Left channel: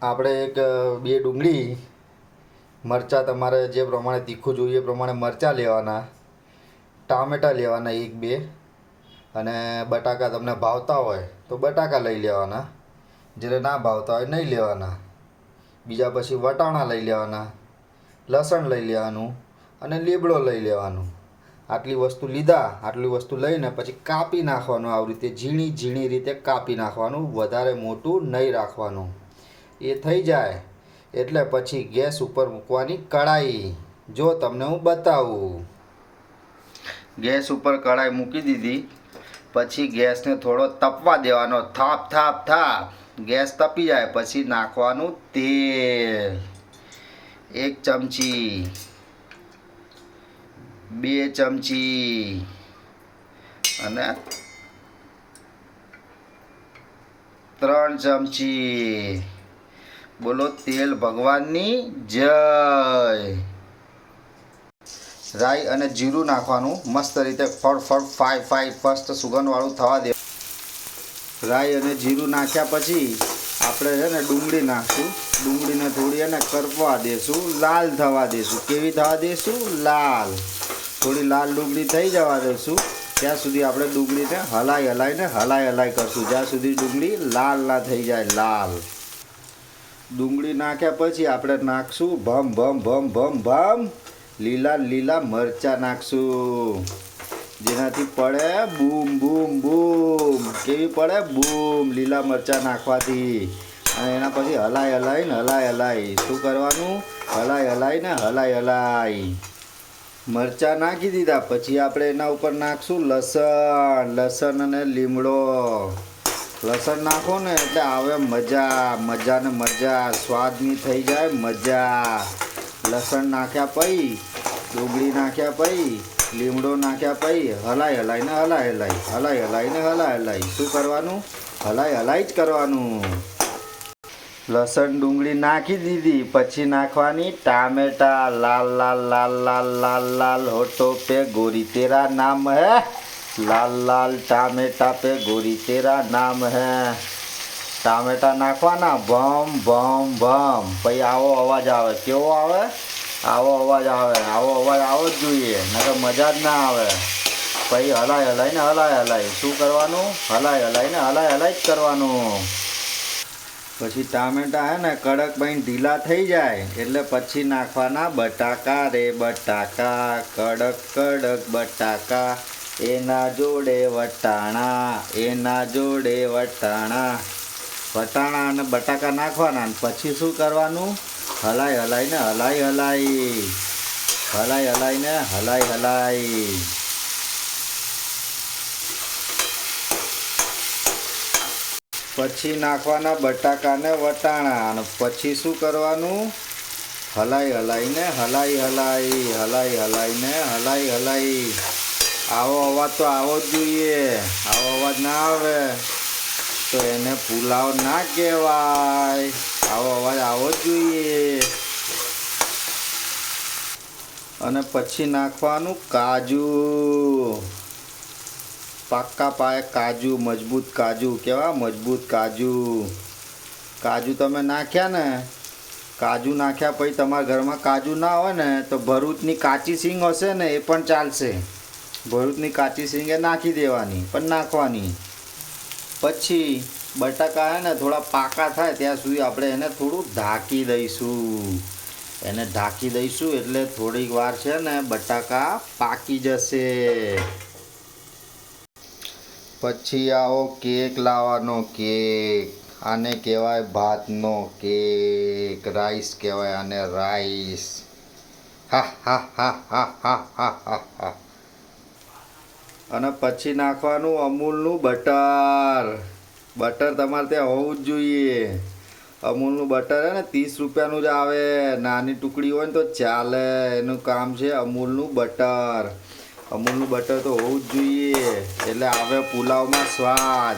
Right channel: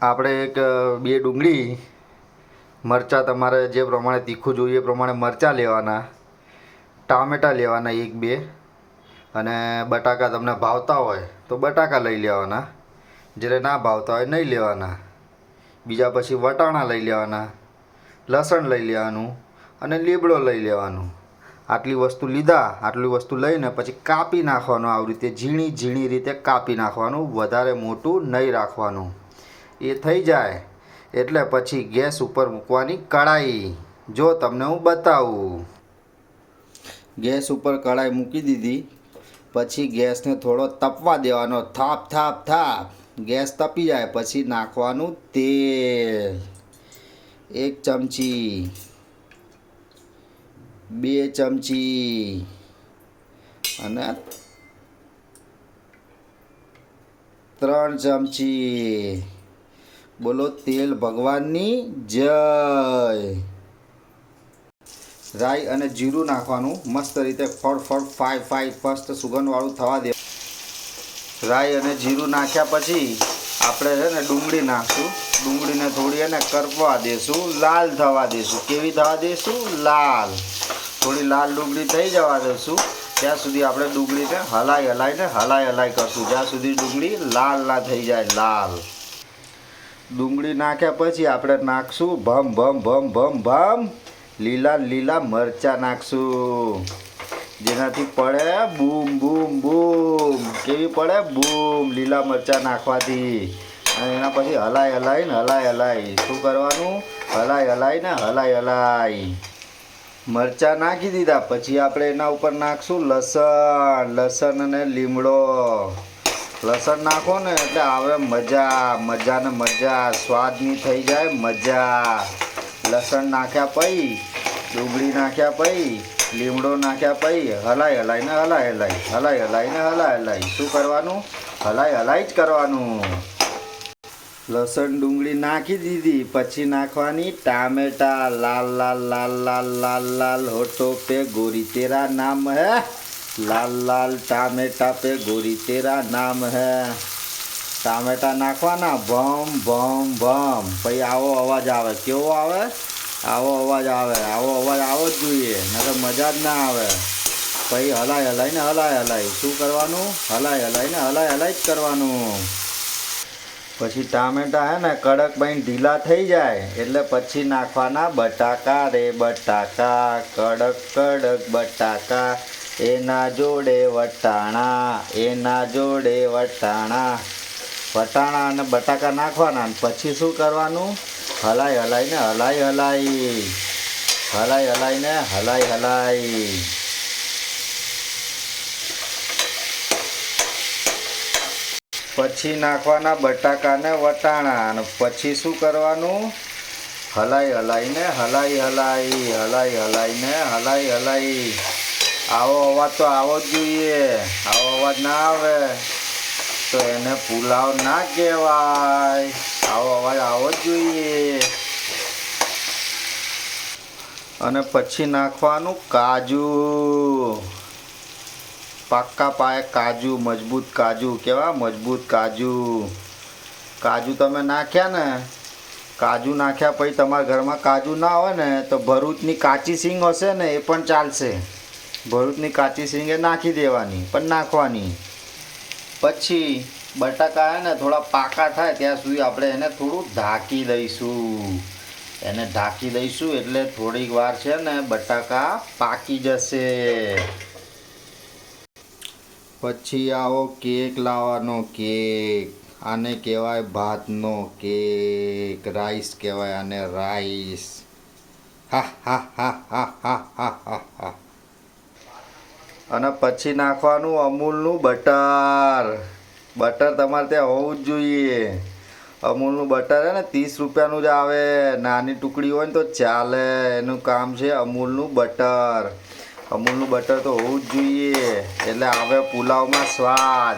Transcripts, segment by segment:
આપણે એક બે ડુંગળી મરચાં તમારે જે પ્રમાણે તીખું જોઈએ એ પ્રમાણે મરચાં લેવાના, ટામેટાં લેવાના એક બે, અને બટાકા તમને ભાવતા હોય તો બટાકા લઈ લેવાના, જ્યારે ના ભાવતા હોય નહીં લેવાના. બીજા પછી વટાણા લઈ લેવાના, લસણ લઈ લેવાનું અને લીમડો લઈ લેવાનું. આટલી વસ્તુ લીધા, આટલી વસ્તુ લઈને પછી કાપી નાખવાનું. આવી રીતે ઝીણી ઝીણી રીતે કાપી નાખવાનું, વધારે મોટું નહીં રાખવાનું. એ થઈ જાય એટલે પછી ગેસ ઉપર મૂકવાની કઢાઈ. જો તમને હું બતાવું, ગેસ ઉપર કઢાઈ મૂકી દીધી, પછી ગેસને થોડો તપવા દેવાનો. થાપ થાપ થાપ ગેસ તપી જાય પછી નાખવાનું તેલ. 1 ચમચી, 2 ચમચી અને 3 ચમચી. બોલો તેલ ભગવાનની જય. રાઈ અને જીરું નાખવાનું, મસ્ત રીતે ફળ ફાઈ ફસ્ટ સુગંધવાળું થવા દે. રાઈ અને જીરું નાખ્યા પછી આપણે છે ને ડુંગળી નાખશું. ડુંગળીને થોડી એને કરપવા દેશું, લાલ થવા દેશું. કેવી થવા દેશું? લાલ. થોડી લાલ ડુંગળી થઈ જવા દેશું ત્યાં સુધી આપણે ડુંગળીને હલાઈ કરશું, જ્યાં સુધી ડુંગળી લાલ ના થઈ જાય. લાલ ડુંગળી નાખ્યા પછી આપણે નાખશું ભમ લીલા મરચાં નાખશું, જેનાથી પડે બૂમ બૂમ બૂમ. કેવી પડે? બૂમ. લીલા મરચાં નાખવાથી. અને એના પછી હલાઈ. શું કરવાનું? હલાઈ. મરચાં નાખી દીધા પછી આપણે એના ઉપર નાખશું લસણ અને લીમડો. લસણ નાખો ને એટલે આવે મજા, સ્વાદની થઈ જાય મજા. લસણ નાખ્યા પછી, ડુંગળી નાખ્યા પછી, લીમડો નાખ્યા પછી હલાઈ. શું કરવાનું? હલાઈ જ કરવાનું. લસણ ડુંગળી નાખી દીધી પછી નાખવાની ટામેટા. લાલ હોઠો पे गोरी तेरा नाम है, लाल टामेटा पे गोरी तेरा नाम है. ટામેટા નાખવાના ભમ. પછી આવો અવાજ આવે. કેવો આવે? આવો અવાજ આવે. આવો અવાજ આવો જ જોઈએ, નકર મજા જ ના આવે. પછી હલાઈ. શું કરવાનું? હલાઈ જ કરવાનું. પછી ટામેટા હે ને કડક બની ઢીલા થઈ જાય એટલે પછી નાખવાના બટાકા રે બટાકા. કડક બટાકા, એના જોડે વટાણા. વટાણા અને બટાકા નાખવાના. પછી શું કરવાનું? હલાઈ. પછી નાખવાના બટાકાને વટાણા. અને પછી શું કરવાનું? હલાઈ. આવો અવાજ તો આવો જ જોઈએ. આવો અવાજ ના આવે તો એને પુલાવ ના કહેવાય. આવો અવાજ આવો જ જોઈએ. અને પછી નાખવાનું કાજુ. પાક્કા પાયે કાજુ, મજબૂત કાજુ. કેવા? મજબૂત કાજુ તમે નાખ્યા ને. કાજુ નાખ્યા પછી તમારા ઘરમાં કાજુ ના હોય ને તો ભરૂચની કાચી સિંગ હશે ને એ પણ ચાલશે. ભરૂચની કાચી સિંગ એ નાખી દેવાની, પણ નાખવાની. પછી બટાકા હે ને થોડા પાકા થાય ત્યાં સુધી આપણે એને થોડું ઢાંકી દઈશું. એટલે થોડીક વાર છે ને બટાકા પાકી જશે. પછી આવો કેક લાવવાનો. કેક આને કહેવાય ભાતનો કેક. રાઈસ કહેવાય આને, રાઈસ. હા. અને પછી નાખવાનું અમૂલનું બટર. તમારે ત્યાં હોવું જ જોઈએ. અમૂલનું બટર હે ને 30 રૂપિયાનું જ આવે. નાની ટુકડી હોય ને તો ચાલે. એનું કામ છે અમૂલનું બટર. અમૂલનું બટર તો હોવું જ જોઈએ, એટલે આવે પુલાવમાં સ્વાદ.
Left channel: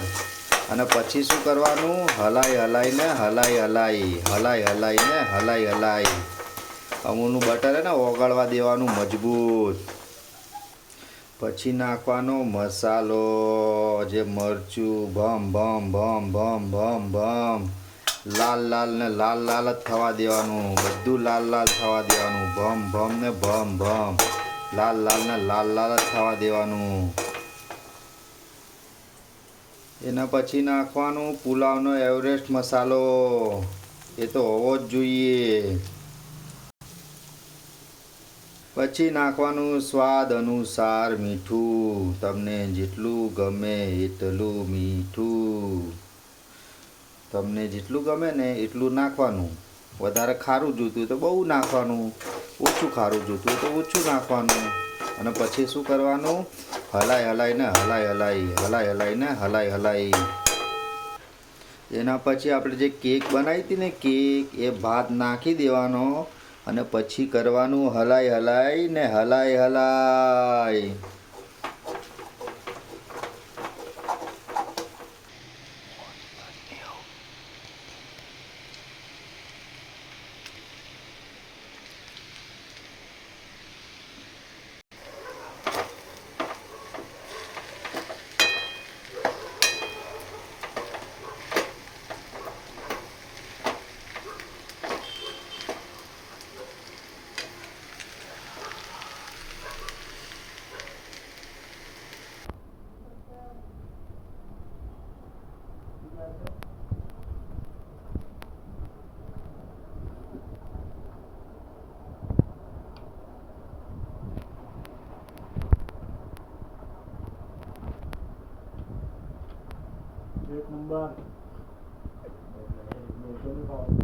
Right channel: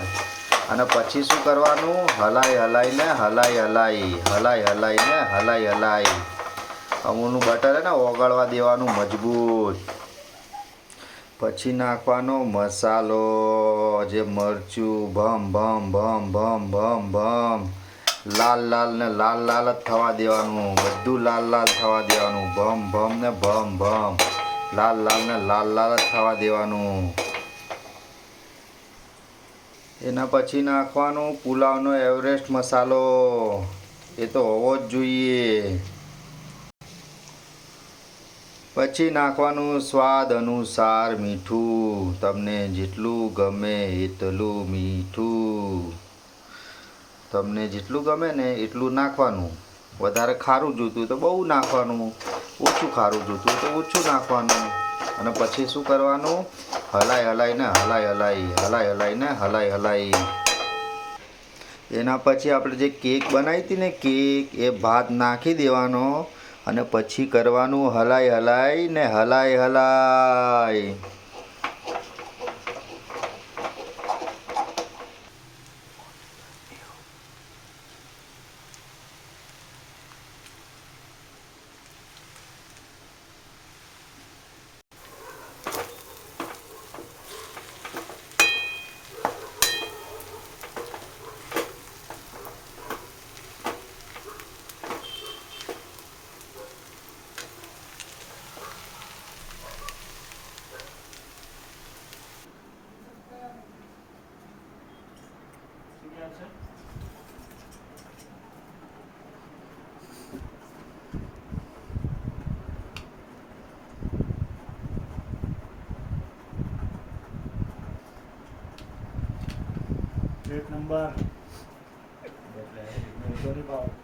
અને પછી શું કરવાનું? હલાઈ. અમૂલનું બટર હે ને ઓગળવા દેવાનું મજબૂત. પછી નાખવાનો મસાલો, જે મરચું ભમ ભમ ભમ ભમ ભમ ભમ લાલ લાલ ને લાલ લાલ જ થવા દેવાનું, બધું લાલ લાલ થવા દેવાનું, ભમ ભમ ને ભમ ભમ, લાલ લાલ ને લાલ લાલ જ થવા દેવાનું. એના પછી નાખવાનું પુલાવનો એવરેસ્ટ મસાલો, એ તો હોવો જ જોઈએ. પછી નાખવાનું સ્વાદ અનુસાર મીઠું, તમને જેટલું ગમે એટલું મીઠું, તમને જેટલું ગમે ને એટલું નાખવાનું. વધારે ખારું જોઈતું તો બહુ નાખવાનું, ઓછું ખારું જોઈતું તો ઓછું નાખવાનું. અને પછી શું કરવાનું, હલાઈ હલાઈને હલાઈ. એના પછી આપણે જે કેક બનાવી હતી ને કેક, એ ભાત નાખી દેવાનો અને પછી કરવાનું હલાઈ. એક નંબર એટલે